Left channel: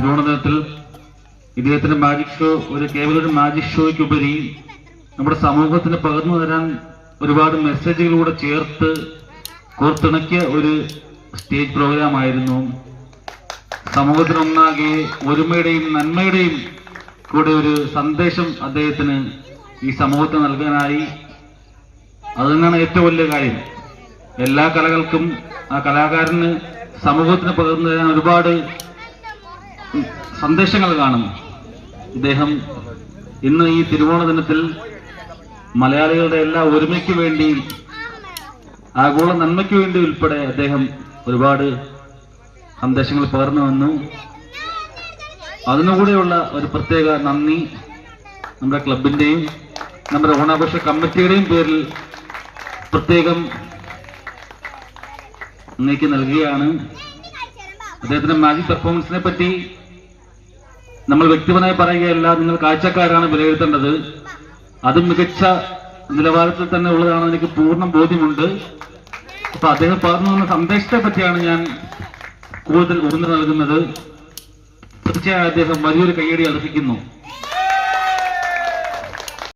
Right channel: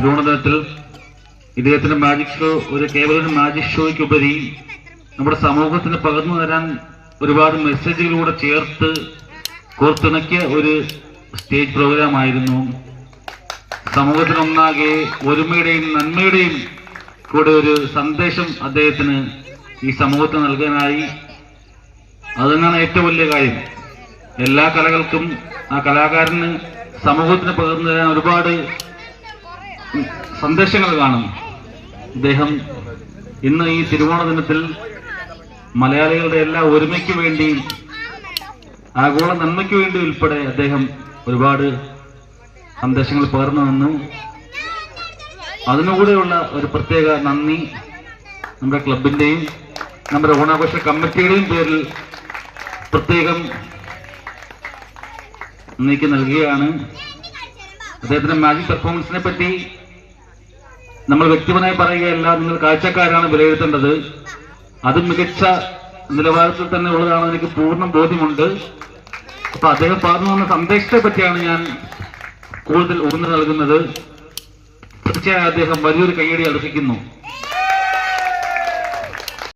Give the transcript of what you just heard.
തിരുവനന്തപുരത്തിൽ ഇദ്ദേഹത്തിന്റെ magic show ഒരു കേവലം ഒരു മാജിക് ഷോയ്ക്കുപരി നമ്മുടെ സമൂഹത്തിന് പകർന്നു തരാൻ ഒരുപാട് മെസ്സേജുകളൂടെ ചേർത്ത് കോർത്തിണക്കിയ ഒരു സ്റ്റേജ് പ്രോഗ്രാം ആയിരുന്നു. സമൂഹത്തിനൊന്നാകെ ഒരുമയുടെയും നന്മയുടെയും കൂടെ ഒരു സന്ദേശം അദ്ദേഹത്തിന് ഈ സമൂഹത്തിന് നൽകാനായി. അത് തന്നെയാണ് ഏറ്റവും വലിയ കാര്യം. എല്ലാ കലകൾക്കും ആ കലാകാരന് സമൂഹത്തിന് പകർന്നു തരാൻ ഒരുപാട് സന്ദേശങ്ങൾ കാണുന്നു. ഇദ്ദേഹം ഇന്ന് ഈ തിരുവോണ ദിനത്തിൽ മലയാളികളുടെ എല്ലാ ഒരുമയ്ക്ക് വേണ്ടിയും ആഗോള നന്മയ്ക്ക് വേണ്ടി ഉൾപ്പെടെ അദ്ദേഹം ഒരുപാട് സന്ദേശങ്ങൾ പകർന്നു വന്നു. അതിനുകൂടെയുള്ള ഒരു പ്രത്യേക നന്ദി നമ്മുടെ ക്ലബിന്റെയും നമ്മുടെ ഓണാഘോഷ കമ്മിറ്റിയുടെയും പേരിൽ പ്രത്യേകം നീക്കി നൽകുകയാണ്. അദ്ദേഹത്തിന്റെ മാജിക് പെർഫോമൻസിനെ പറ്റി നമ്മൾ വ്യക്തിപരമായി പറയുകയല്ല നിങ്ങൾ കാഴ്ചക്കാരാണ് വിലയിരുത്തേണ്ടത്. അത് മികച്ച നിലവാരത്തിൽ തന്നെ ഉള്ളതാണ് എനിക്ക് പൂർണ ബോധ്യമുണ്ട്. അപ്പൊ അദ്ദേഹം പറഞ്ഞു വന്ന സന്ദേശത്തെ പറ്റിയാണ് ഞാൻ കൂടുതൽ ഊന്നൽ നൽകുന്നത്. തീർച്ചയായും അദ്ദേഹം വലിയൊരു കയ്യടി അർഹിക്കുന്നു.